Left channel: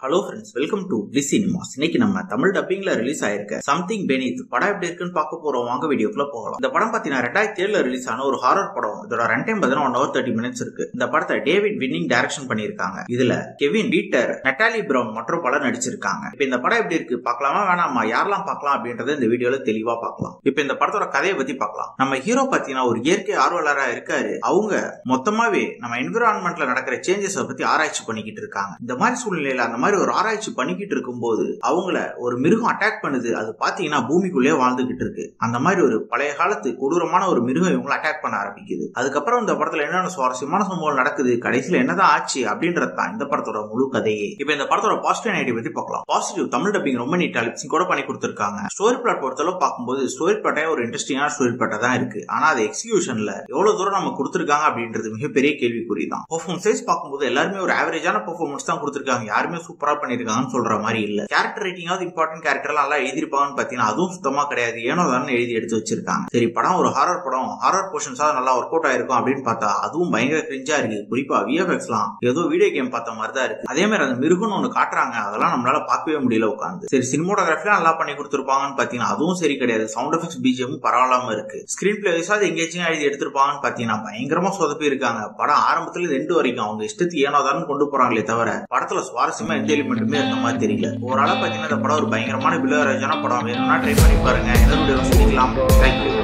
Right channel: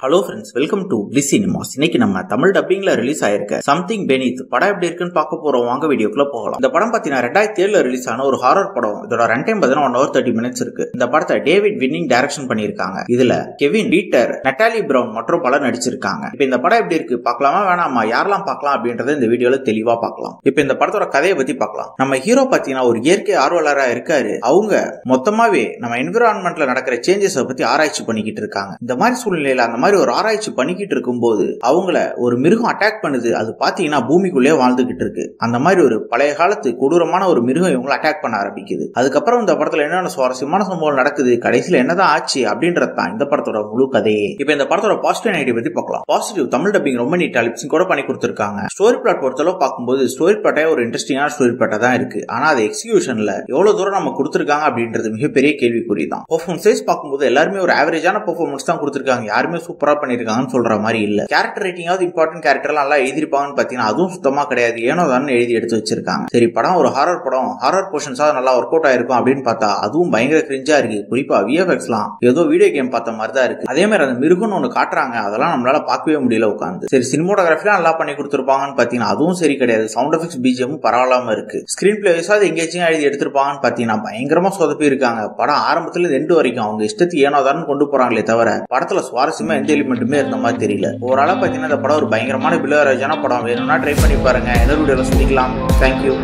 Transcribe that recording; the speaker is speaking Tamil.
Hello friends, welcome to bliss cinemas. இன்னைக்கு நம்ம தமிழ் டப்பிங்ல ரிலீஸ் ஆயிருக்க சம்திங் பெனீத் படம் எப்படி இருக்குன்னு பார்க்க போறோம். வாங்க வீடியோக்குள்ள போகலாம். இந்த படம் பாத்தீங்கன்னா 2007 ரிலீஸ் ஆன ஒரு ஹாரர் படம். இதோட ரன் டைம் 1 hour 30 minutes இருக்கு. இந்த படத்தை டேவிட் வின்னிங் டைரக்ஷன் பண்ணிருக்காங்க. இதுல கெவின் பீட்டர், நட்டாலி பிரவுன் மற்றும் பலர் நடிச்சிருக்காங்க. இப்ப இந்த படம் எப்படி இருக்கு பார்க்கலாமா வேணாமா, யாரெல்லாம் பார்க்கலாம் அப்படின்றத இந்த வீடியோல தெளிவா பார்க்கலாம். இப்ப இந்த படத்தோட கதையை பத்தி பார்க்கலாம். நம்ம ஹீரோ பாத்தீங்கன்னா ஒரு இயற்கை ஆர்வலரா இருக்காரு. அவங்க மொத்தமாவே நம்ம என்விரான்மெண்ட்ல நடக்கிற சேஞ்சஸ் பத்தி ஆராய்ச்சி பண்ணிக்கிட்டு இருக்காங்க. இந்த மாதிரி சூழ்நிலையில அந்த மாதிரி ஒரு ஆராய்ச்சி பண்ணிக்கிட்டு இருக்கும்போது அவங்கள ஒரு மிருகம் அட்டாக் பண்ணுது. அது பாத்தீங்கன்னா பூமிக்குள்ளே வாழ்ந்துகிட்டு இருக்கு. அந்த மாதிரி ஒரு பழைய காலத்து கொடூரமான ஒரு மிருகம் இவங்களை அட்டாக் பண்ண ஆரம்பிக்குது. அதுக்கப்புறம் இந்த படத்துல என்னென்ன சுவாரஸ்யமான சம்பவம் நடக்குது, கடைசியில என்னதான் ஆச்சு அப்படின்றதான் இந்த படத்தோட முழு கதையே. இப்ப இந்த படத்தோட பாசிட்டிவ் நெகட்டிவ் பத்தி பார்க்கலாம். பாசிட்டிவ், தமிழ் டப்பிங் ரொம்ப நீட்டா லிப்சிங் கூட பண்ணி கொடுத்திருக்காங்க. ஸ்டோரி பிளாட் பொறுத்தளவு பார்க்கும்போது ஸ்டோரி பிளாட்டே ஒரு இன்ட்ரெஸ்டிங்கான ஸ்டோரி பிளாட்டா தான் இருக்கு. ஆனா அது எக்ஸிகியூஷன்ல எவ்வளவு தூரம் நம்ம கொடுத்திருக்காங்க அப்படின்றது மிகப்பெரிய கேள்விக்குறி தான். பெர்ஃபார்மன்ஸ் பார்க்கும்போது எல்லாருமே ஒரு ஆவரேஜான பெர்ஃபார்மன்ஸ் தான் கொடுத்திருக்காங்க. யாருமே சூப்பரா பண்ணிருக்காங்கன்னு சொல்ற மாதிரி இல்ல. கேரக்டர் ரைட்டிங்காவது இம்பார்ட்டன்ட் கேரக்டர் நல்லா எழுதிருப்பாங்கன்னு பாத்தீங்கன்னா அதுவும் சுத்தமா கிடையாது. ஏனோ தான் எழுதி எடுத்து வச்சிருக்காங்க. சரி, படம் ஒரு ஹாரர் படம், ஹாரர் போர்ஷன்ஸா நல்லா ஒர்க் அவுட் ஆயிருக்கும் அப்படின்னு பார்த்தா அதுவும் பயங்கர கிரிஞ்சா இருக்கு. குறிப்பா விஎஃப்எக்ஸ்லாம் ஏதோ வீடியோ கேம் பார்த்த மாதிரி தான் இருக்கு. அதே மாதிரி அந்த மிருகம்னு ஒண்ணு காட்டுறாங்க, அதெல்லாம் நம்மளால பார்க்கவே முடியல உட்காந்து. சரி, சினிமோட்டோகிராஃபிலாம் நல்லா பண்ணி கொடுத்துருப்பாங்கன்னு பாத்தீங்கன்னா அதுவும் சரி கிடையாது. சவுண்ட் எஃபெக்ட்ஸ் பிஜிஎம் பரவாயில்லாம இருக்கு. ஸ்கிரீன் பிளே வைஸாவது எங்கேஜிங்கா எழுதி எடுத்திருப்பாங்கன்னு பாத்தீங்கன்னா பயங்கரமா சொதப்பி இருக்காங்க. படம் ஆரம்பத்துல எண்டு வரைக்கும் அவங்க இஷ்டத்துக்கு ஏனோதான் கொண்டு போறாங்களே தவிர படத்துல சுவாரஸ்யமா எந்த எலிமெண்ட்டுமே இருந்த மாதிரி தெரியல. ஓவராலா பாத்தீங்கன்னா இந்த படம் ஒரு பயங்கரமான பிலோராஜான படம். வேணும்னா ட்ரை பண்ணி பாருங்க. இன்னொரு வீடியோல சந்திக்கலாம். தேங்க்யூ.